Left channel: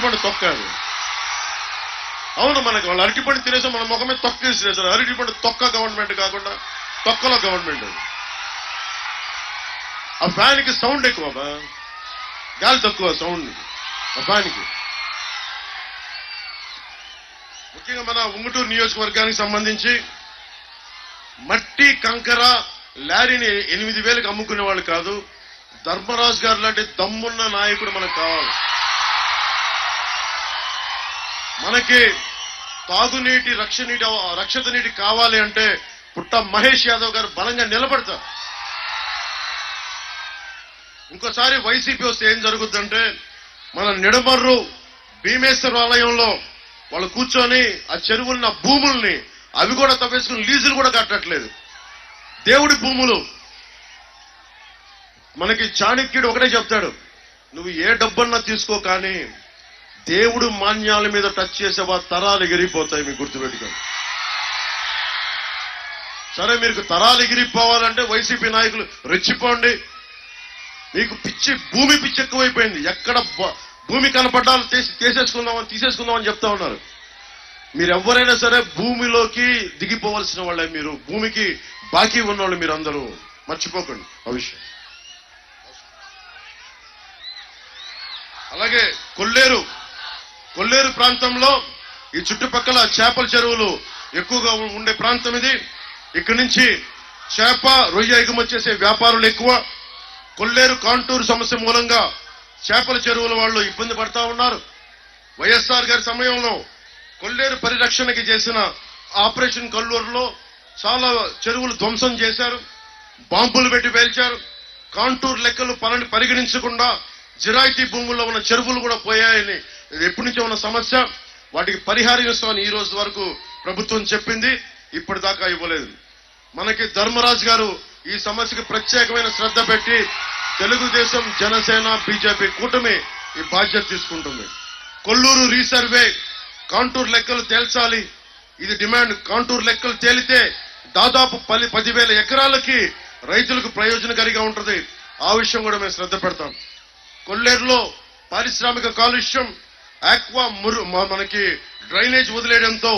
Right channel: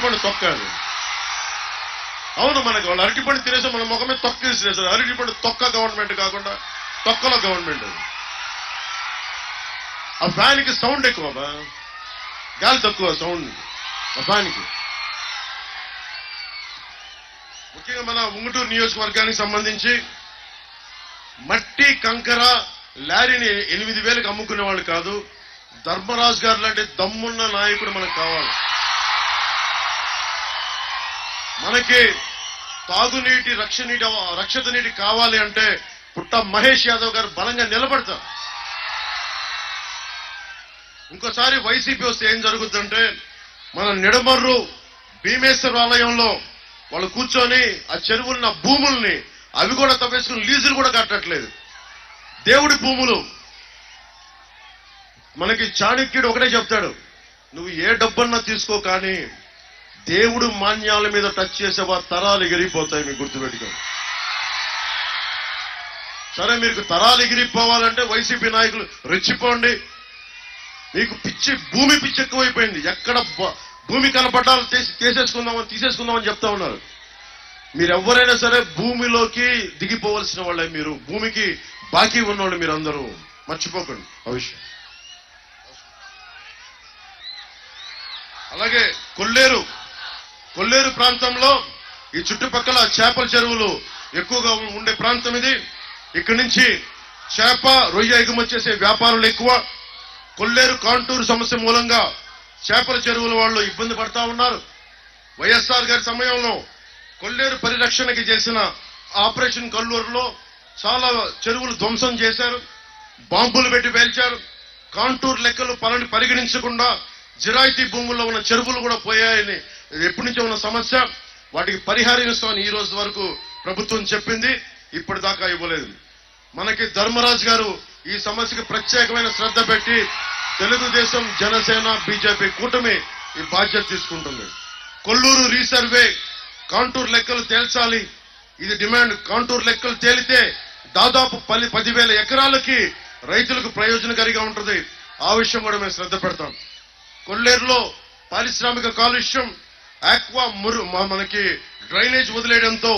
అరటిపండు తొక్కారు. అవును, మనకి వాళ్ళు అరటిపండు తినేసాం, మన ముఖమే తొక్కేసి అరటిపండు తొక్క గవర్నమెంట్ కాకుండా తొక్కలో గవర్నమెంట్. ఆ ఫ్యాన్కి సౌండ్ ఎక్కువ, గాలి తక్కువ సౌండ్ ఆ ఫ్యాన్కి. ముఖ్యంగా మన ఉంగుటూరు నియోజకవర్గానికి సంబంధించి మట్టి కంకర లారీని 8,000కి అమ్ముకునే వాళ్ళు కాదు, ధర్మరాజు గారు లాంటి దమ్మున్న నాయకుడు మనకు కావాలి. మనకి తాగునీటి రక్షిత నీటి కావాలి అంటే పుట్ట మహేష్ యాదవ్ గారు బలంగా నిలబడతారు. ఇంకోసారి వైసీపీ వస్తే ఏం జరుగుతుందంటే, మన నిడమర్రు భీమేశ్వర ఆలయంలో వాళ్ళు కూర్చొని ఆ చెరువున్న భూముల్ని అవి కూడా తప్పేసుకుని లీజులు కూడా కట్టట్లేదు. దేవుడి భూములు. మనకి చాణక్యుడు ఒకటే చెప్తాడు, నువ్వు ఏ డబ్బన్నా తీసుకో కానీ దేవుడు మాన్యాల మీద టచ్ చేసేవా తరాలు ఎగిరిపోతాయి, మీకు గుర్తుపెట్టుకోండి. సరే, మీకు తరాలు ఎగిరిపోవాలంటే వైసీపీ నాయకులు రెచ్చిపోండి. మీకు భూమి పిచ్చి ఎక్కువైపోయింది. ఎక్కడ భూమి కనపడ్డాలు తీసేసుకుందామని చెప్తా ఉన్నారు. మీరు ఎవరైనా సరే భూమిలోకి దిగిపోవలసిన వాళ్ళే. మీరు భూమికి బాకీ ఉన్నవాళ్ళు మీరు అందరూ, మర్చిపోకండి ఆ విషయం. అలాగే కొల్లేరు ప్రాంతంలో ఈ చుట్టుపక్కల చేపల చెరువులు ఎక్కువగా ఉండే ప్రాంతం ఇది. ఇక్కడి నుంచి చేప రొయ్య ఎగుమతి చేసే వ్యాపారులు ఎక్కువ. కొల్లేరు కాంటూరు సమస్య మూలంగా చేపల చెరువుల వాళ్ళు ఇబ్బంది పడతా ఉన్నారు. వైఎస్ఆర్ గారి సమయంలో కొల్లేరు పరిరక్షణకి చేసిన ఆపరేషన్ కల్లూరులో చాలా చెరువులు ధ్వంసం చేశారు, బాంబులు పెట్టి పేల్చారు. కాంటూరు లెక్కలు పరిగణించకుండా జిరాయితీ భూముల్లో ఉన్న చెరువులు కూడా పోయాయని ఎప్పటి నుంచో ఉన్న సమస్య. వాటికి పరిహారం ఇస్తామని ఈ రోజు వరకు ప్రభుత్వం చెప్పింది, ఇప్పటిదాకా ఇవ్వలేదు. మనకి ధర్మరాజు గారు ఈ సమస్యకు ప్రత్యేకమైన శ్రద్ధ పెట్టి తెలుగుదేశం, జనసేన, బీజేపీ కూటమి ఈ బాధ్యత తీసుకుంటుంది. కొల్లూరు రీసర్వే, కాంటూరు లెక్కలు తేల్చాలి, ఇది డిమాండ్. కాంటూరు లెక్కలు తేలితే దాదాపు 10,000 ఎకరాలకి రైతులకు ప్రయోజనకారిగా ఉంటుంది. ఆ విషయం కూడా మేము శ్రద్ధ పెడతాం. కొల్లేరులో పారిశ్రామిక కాలుష్యం, ఆక్వా మనకి డ్రైనేజ్ వదిలేయడంతో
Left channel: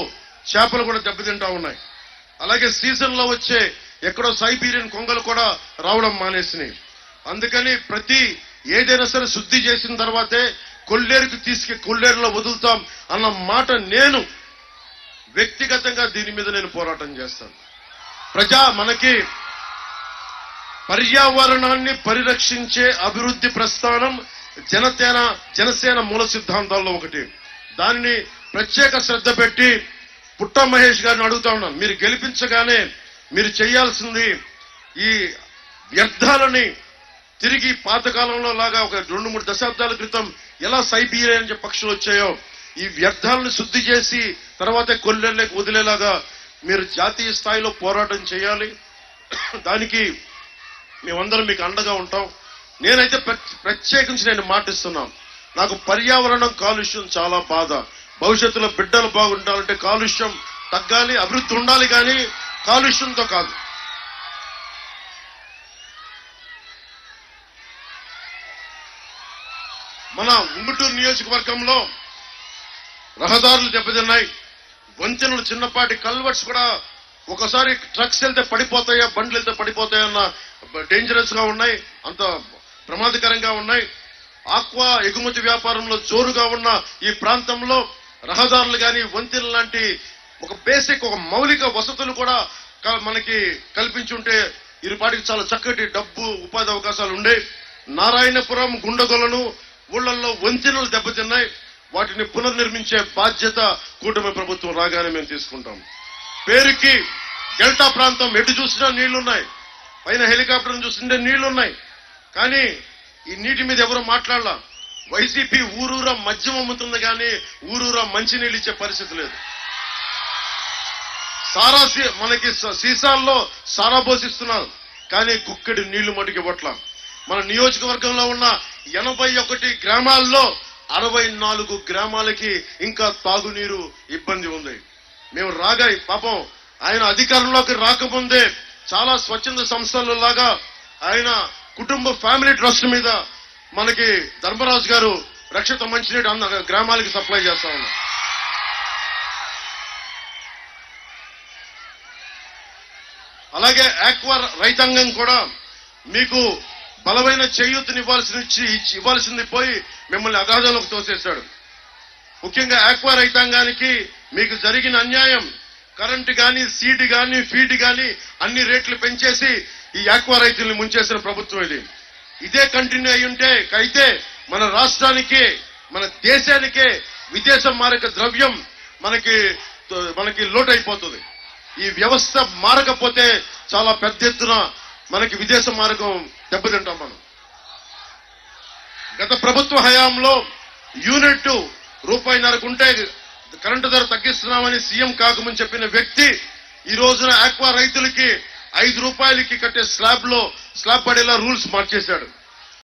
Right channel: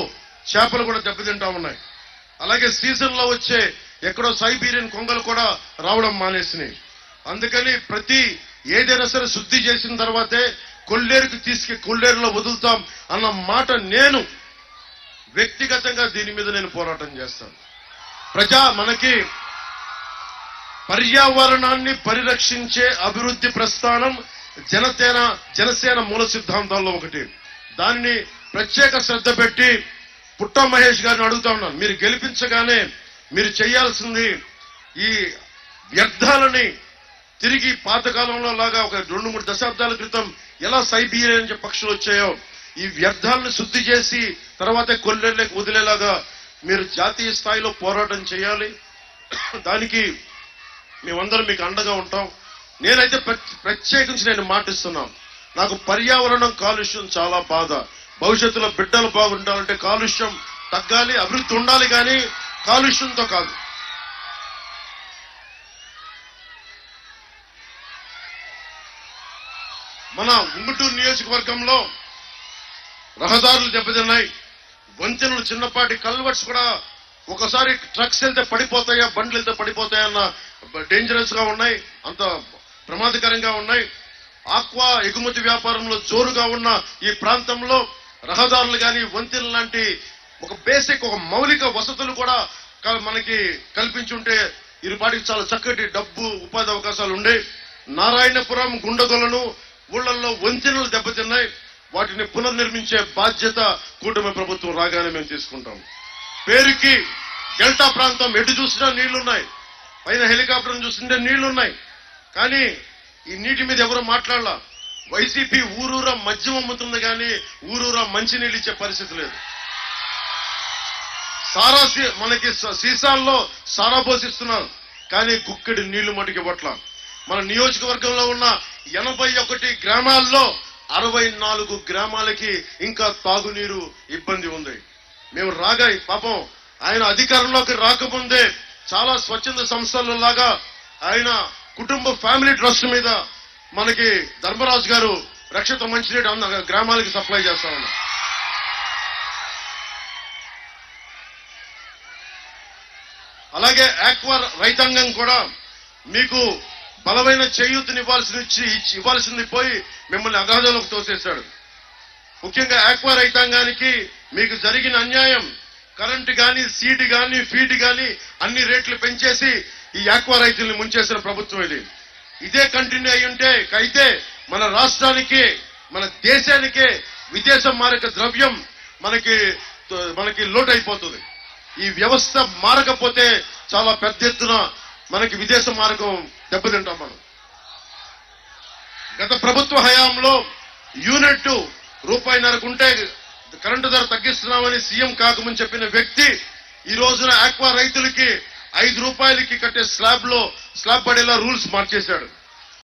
చేపలు కూడా దెబ్బతింటా ఉన్నాయి. అలాగే సీజన్ లో వచ్చే ఎక్కడో సైబీరియన్ కొంగలు కూడా రావడం మానేసినాయి. అందుకని ఏదైనా సరే శుద్ధి చేసిన తర్వాతే కొల్లేరులో వదులుతాం అన్న మాట. నేను వ్యక్తిగతంగా దీని మీద నేను పోరాటం చేస్తాను. మనకి పర్యావరణాన్ని పరిరక్షించే అభివృద్ధి ప్రస్థానం జనసేన మూల సిద్ధాంతాల్లో ఒకటి. దానిని ప్రత్యేక శ్రద్ధ పెట్టి పుట్ట మహేష్ గారిని అడుగుతా ఉన్నాను, మీరు గెలిపించగానే మీరు చేయాల్సింది ఈ వ్యర్థాలని తిరిగి పాతకాలంలో లాగా ఒక 2-3 దశాబ్దాల క్రితం ఎలా సైబీరియన్ పక్షులు వచ్చాయో ఈ వ్యర్థాలను శుద్ధి చేసి తర్వాత కొల్లేరులోకి వదిలేలాగా మీరు జాతీయ స్థాయిలో పోరాటం చేయాలి. దానికి మేమందరం మీకు అండగా ఉంటాం. నేనైతే ప్రత్యేకించి నేను మాటిస్తున్నాను, నాకు పర్యావరణం కాలుష్యం చాలా బాధ. భవిష్యత్తులో బిడ్డలు బాగుండాలంటే కాలుష్యం తగ్గాలి, అభివృద్ధి ఉండాలి, కానీ కాలుష్యంతో కాదు. మన ఉంగుటూరు నియోజకవర్గంలో రహదారులు దెబ్బతిన్నాయి, వంతెనలు, చిన్నపాటి కల్వర్ట్స్ కూడా ఒకసారి ట్రక్స్ వెళ్తే పడిపోతాయా, బండ్లు వెళ్తే పడిపోతాయన్న డేంజరస్ గా ఉన్నాయి, అంత ప్రమాదకరంగా ఉన్నాయి. ఆక్వా ఎగుమతి వ్యాపారంలో జోరుగా ఉన్న ఈ ప్రాంతంలో రహదారులు కానీ వంతెనలు లాంటి ఒక మౌలిక వసతులు కూడా మనకి కల్పించుంటే ఇరుపాటికి చాలా చక్కటి డబ్బు ఉపాధి అవకాశాలు ఉండే. నారాయణపురం, గుండగొలను ఊళ్లలో వంతెనలు దెబ్బతిన్నాయి. వాటిని పునర్నిర్మించే బాధ్యత కూటమి ప్రభుత్వం రాగానే మేము తీసుకుంటాం. పేరుకి డెల్టా ప్రాంతం ఎటు చూసినా నీళ్లున్నాయి, పైన హెలికాప్టర్ చూస్తుంటే నీళ్లున్నాయి, కానీ ఈ నీటి మీద ఎవరో మాట్లాడాల. వైసీపీ ఊరూరా మద్యం అమ్ముతుంది, కానీ ఊరూరా మంచినీళ్ళు ఇచ్చే పరిస్థితి లేదు. మనకి సీసాల్లో సారా పోసిస్తున్నారు, కానీ గుక్కడి నీళ్లు మటుకి ఇవ్వట్ల. మన నియోజకవర్గంలో ఉన్న 81 గ్రామాల్లో 64 గ్రామాలకి ఇంకా తాగునీరు ఇబ్బంది ఉంది. మేము పాపం ఆయన అధికారంలోకి రాకముందే చాలా స్వచ్ఛంద సంస్థల లాగా ఆయన కుటుంబ ఫ్యామిలీ ట్రస్ట్ మీద మనకి ధర్మరాజు గారు రక్షిత మంచినీటి గ్రామాలకు సప్లై చేస్తా ఉన్నాం. అలాగే ఆక్వా రైతాంగం కూడా మీకు బలమైన చేయూతని ఇవ్వాల్సింది పోయి మిమ్మల్ని అగాధంలోకి తోసేశాడు. ముఖ్యంగా ఆక్వా రైతాంగానికి మీకు జరిగిన అన్యాయం, కరెంటు గాని, సీడ్ గాని, ఫీడ్ గాని అన్ని రేట్లు పెంచేసి ఈ ఆక్వా రైతుల్ని ముంచేసిన ప్రభుత్వం ఇది. ఇదే కంటిన్యూ అయితే మన రాష్ట్రానికి, మన దేశానికే విదేశ మారక ద్రవ్యం మనకి లోటైపోతుంది. ఈ వ్యవస్థ మారకపోతే చాలా పెద్ద ఎత్తున మనకి విదేశ మార్గం దెబ్బతింటాం మనం. గత ప్రభుత్వ హయాంలో యూనిట్ ₹1.5 ఉంటే కరెంటు ధర తగ్గిస్తున్నామని సీఎం కాకముందు చెప్పిన వ్యక్తి ఈ రోజున ఆక్వా రైతులకి ₹5 కట్టే స్లాబ్ పడేలా రూల్స్ మార్చేశాడు.